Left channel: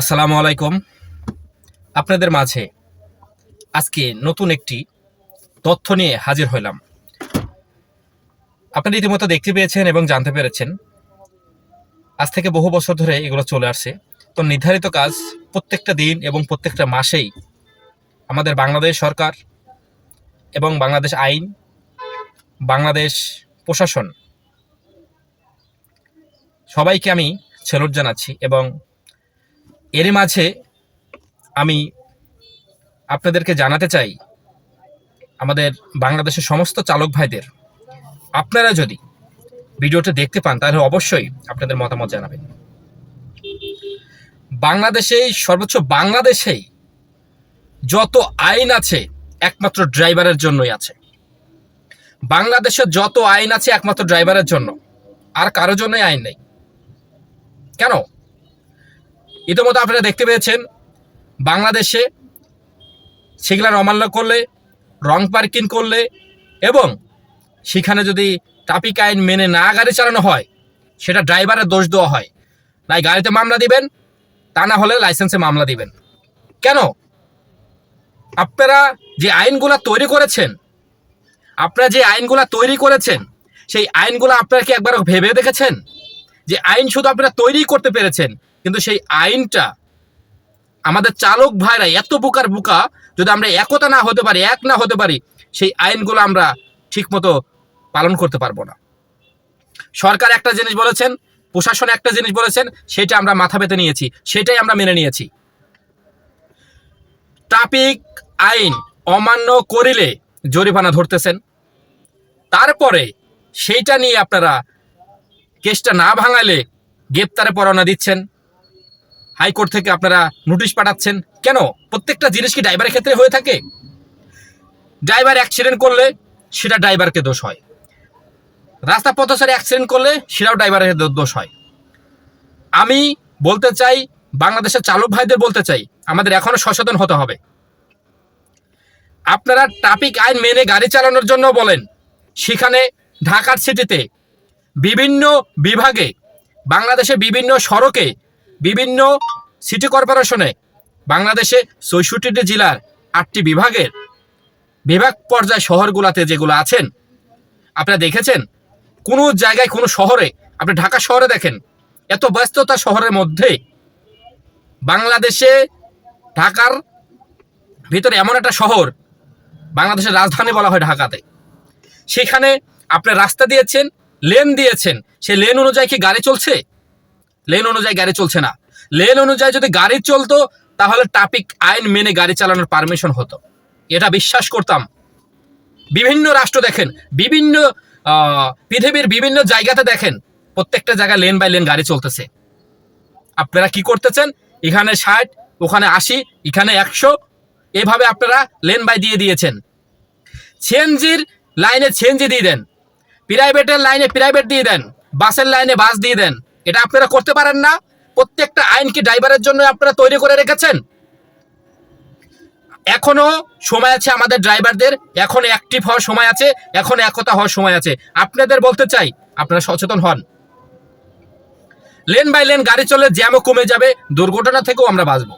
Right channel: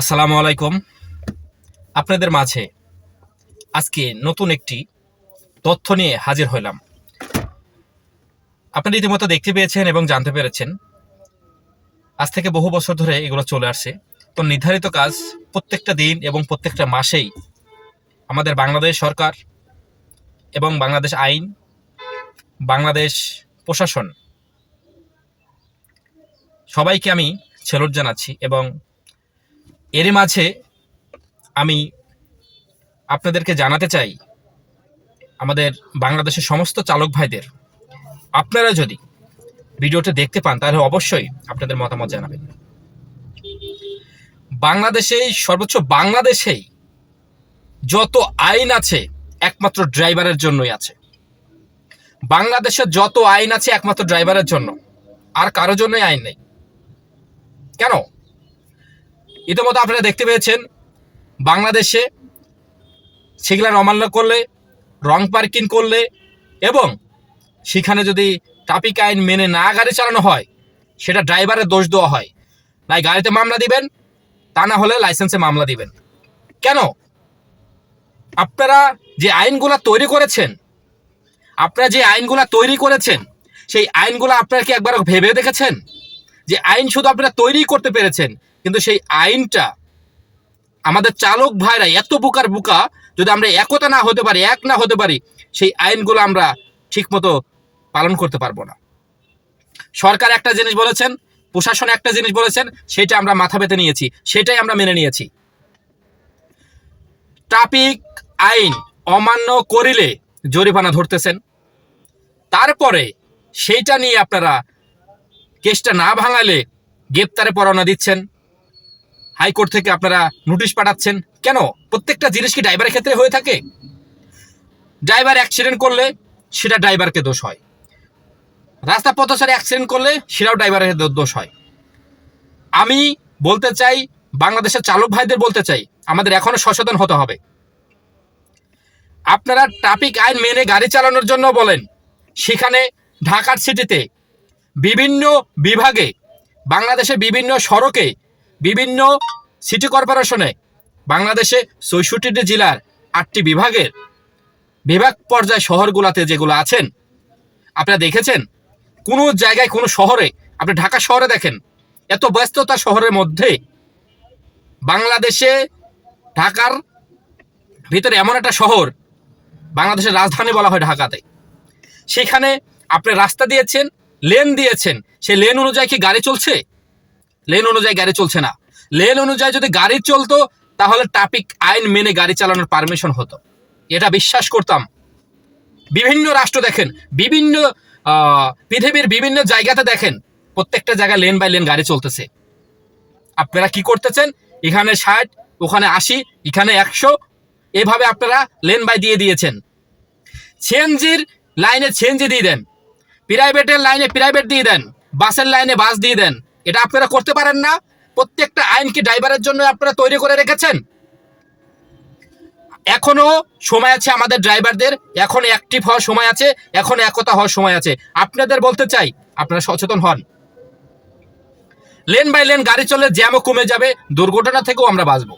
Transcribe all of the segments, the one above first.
আসসালামু আলাইকুম। আপনাদের মাঝে আজকে নতুন একটি তথ্য নিয়ে হাজির হইলাম। আপনারা রীতিমতো দেখতে পেয়েছেন এবং জানতে পেরেছেন, আজ থেকে বহু বছর ধরে এগুলো চলে আসছে। তো নির্ধারিত কাজ প্রত্যেকটা দিন এবং প্রত্যেকটা মাসেই আমাদের বাংলাদেশ সরকার এবং বাংলাদেশ আইন, বাংলাদেশ প্রশাসন সবাইকে আমি স্যালুট জানাচ্ছি। এবং এর মাঝে আমি আপনাদেরকে জানাতে চাই, আমাদের বাংলাদেশের সমস্ত চালক ভাইদের, আপনারা যদি ভিডিওটা দেখতে পান তাহলে অবশ্যই আপনাদের মতামত জানাবেন। বাংলাদেশেই যত আইন আছে একমাত্র ড্রাইভারের জন্যই আছে। বাংলাদেশের যত আইন আছে একমাত্র ড্রাইভারের জন্য, আর কারো জন্যই আইন নেই। কেন? ইতিমধ্যে আপনারা দেখতে পেয়েছেন, বাংলাদেশে সিগন্যাল অমান্য করলে, রং পার্কিং করলে এবং সেখানে যদি ট্রাফিক আইন মেনে না গাড়ি চালানো হয়, সেটা ড্রাইভারের দোষ দেওয়া হয়। নাই গাড়িতে মামলা দিবেন, তা না হলে লাইসেন্সে মামলা দিবেন। কেন? আপনারা যে আইনগুলা তৈরি করেছেন, সেই আইনগুলো আপনারা কি একবার ভেবে দেখেছেন? যে আইন শুধু আপনারা তৈরি করতে পেরেছেন, কিন্তু সেই আইনটা আমাদের চালক ভাইরা এত বোকা, যদি আমরা একতা না হতে পারি, এক না হতে পারি, সেই আইনগুলো আমরা ঠিকমতো পালন করতে পারবো না। সরকার একটা জিনিস বলেছেন, প্রশাসন একটা জিনিস বলেছেন, সেটা আমরা মাথা পেতে নিয়েছি, সেটাই আমরা মেনে নিয়েছি। ট্রাফিক আইন অমান্য করিলে জরিমানা ধরতেছেন, তারপরে সেইটা নিয়ে আপনারা কেসটা না ভাঙালে গ্রেপ্তারে পরোয়ানা দিচ্ছেন, হাইকোর্ট থেকে আপনারা নোটিশ পাঠাচ্ছেন। কেন? প্রত্যেকটা জিনিস কি ড্রাইভারের ক্ষেত্রে হয়ে থাকে? ড্রাইভার অ্যাক্সিডেন্ট করলে সেটা ড্রাইভারকে দোষ হয়, রাস্তা পথচারী অ্যাক্সিডেন্ট করলে সেটাও ড্রাইভারের দোষ হয়। আমি বলতে চাই, বাংলাদেশের চালক ভাইদের বলতে চাই, আমাদের এখনো সচেতন হতে হবে। আপনারা ট্রাফিক আইন মেনে গাড়ি চালানোর জন্য বলেন, সেখানে ঢাকার সিটিতে বিভিন্ন বিভাগে, বাংলাদেশে বিভিন্ন সড়কে, বিভিন্ন সিটি কর্পোরেশনে, বাংলাদেশে ৬৪টি জেলার ৮টি বিভাগের বিভাগ পর্যায় শহরগুলোতে যেগুলো আছেন, আপনারা দেখেছেন কোনো জায়গায়, কোনো শহরে, আপনি ঢাকা শহরে দেখেন, এত ব্যস্ততা শহরের মধ্যে, বাংলাদেশে ঢাকার ভিতরে এমন একটা শহর, বাংলাদেশের রাজধানী বলা হয় ঢাকাতে, সেখানে আপনি রাস্তা দিয়েছেন, লেন দিয়েছেন, সেই লেন অনুযায়ী কি গাড়ি চলছে? লেন অনুযায়ী গাড়ি চলছে না। লেন অনুযায়ী যদি গাড়ি চলতো তাহলে ট্রাফিক আইন মেনে গাড়ি চালানোর পারমিশন হতো, এটা বিশ্বাস করতাম। বিভিন্ন রাষ্ট্র দেখেন, বিভিন্ন পৃথিবীর বিভিন্ন জায়গাতে দেখেন, প্রত্যেকটা জায়গায় লেন বাই লেন গাড়ি চলতেছে। আপনারা কি করতেছেন? এখানে 60, ওখানে 80, এখানে 100, এভাবে আপনারা লেন বাই দিয়ে দিয়েছেন। সিএনজির লাইনে সিএনজি দিয়ে দেন, প্রাইভেটের লাইনে প্রাইভেট দিয়ে দেন, বাসের লাইনে বাস দিয়ে দেন। এটা আপনারা করতে পারেন না? প্রত্যেকটা আইন কি ড্রাইভারের জন্য আপনারা তৈরি করে রেখেছেন? এখনো সময় আছে আমাদের ড্রাইভারদের, এখন অ্যাক্টিভ হওয়ার সময় আছে, এখন একতা হওয়ার সময় আছে। আপনাদের বলতে চাই, আপনারা সচেতন হন। লেন বাই লেন গাড়ি চলে জ্যামও কমে যাবে, দুর্ঘটনা থেকেও আমরা বাঁচবো।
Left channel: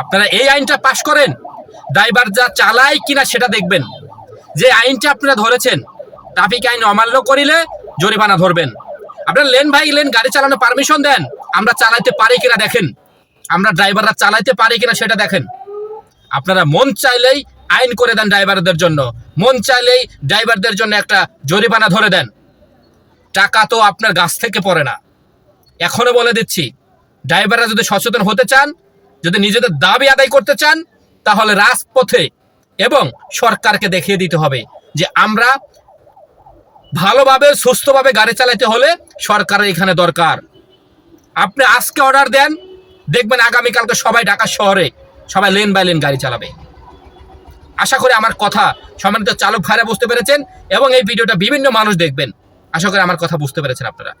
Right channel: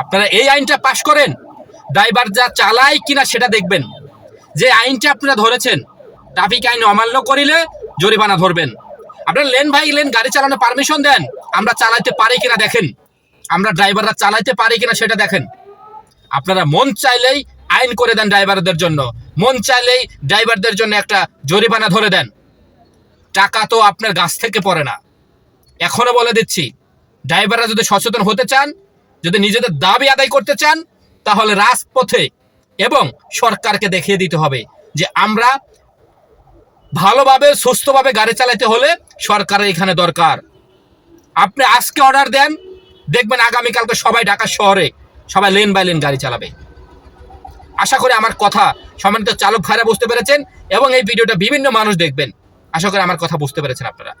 আপনারা এই আইনটা পাশ করেন, ড্রাইভার যা চালায় কিনা সেটা দেখবেন। যে আইনটা আপনারা ধরেছেন, ট্রাফিক আইন অমান্য করিলে জরিমানা ধরবেন। আপনারা লেন বাই লেন গাড়ি চালানোর পারমিশন দেন, আমরা চালাইতে পারি কিনা দেখেন, আমরা ড্রাইভাররা চালাইতে পারি কিনা সেটা দেখেন। আপনারা মন চাইলেই আইন করে দেন ড্রাইভারদের জন্য, মন চাইলেই ড্রাইভারদের জন্য একটা জরিমানা ধরে দেন। টাকা তো আপনার গাছ থেকে পড়ে না। এখনো বলে দিচ্ছি, ড্রাইভাররা যদি সচেতন হতে চান, যদি নিজেদের দাবি আদায় করতে চান, তাহলে রাজপথে এবং সরকারকে দেখিয়ে দিতে হবে যে আমরা ভালোভাবে সুস্থভাবে গাড়ি চালাতে হলে সরকারের এখানে দরকার। আপনি আজকে অর্ডার দেন, দেখবেন আগামীকালকে সবাই ঢাকা শহরে সবাই লেন বাই লেন গাড়ি চালাবে। আশা করি আমার কথা সম্মানিত চালক ভাইরা বুঝতে পেরেছেন এবং এই ভিডিওটা বিভিন্ন মানুষ দেখবেন। আশা করি আমার কথা বুঝতে পেরেছেন আপনারা।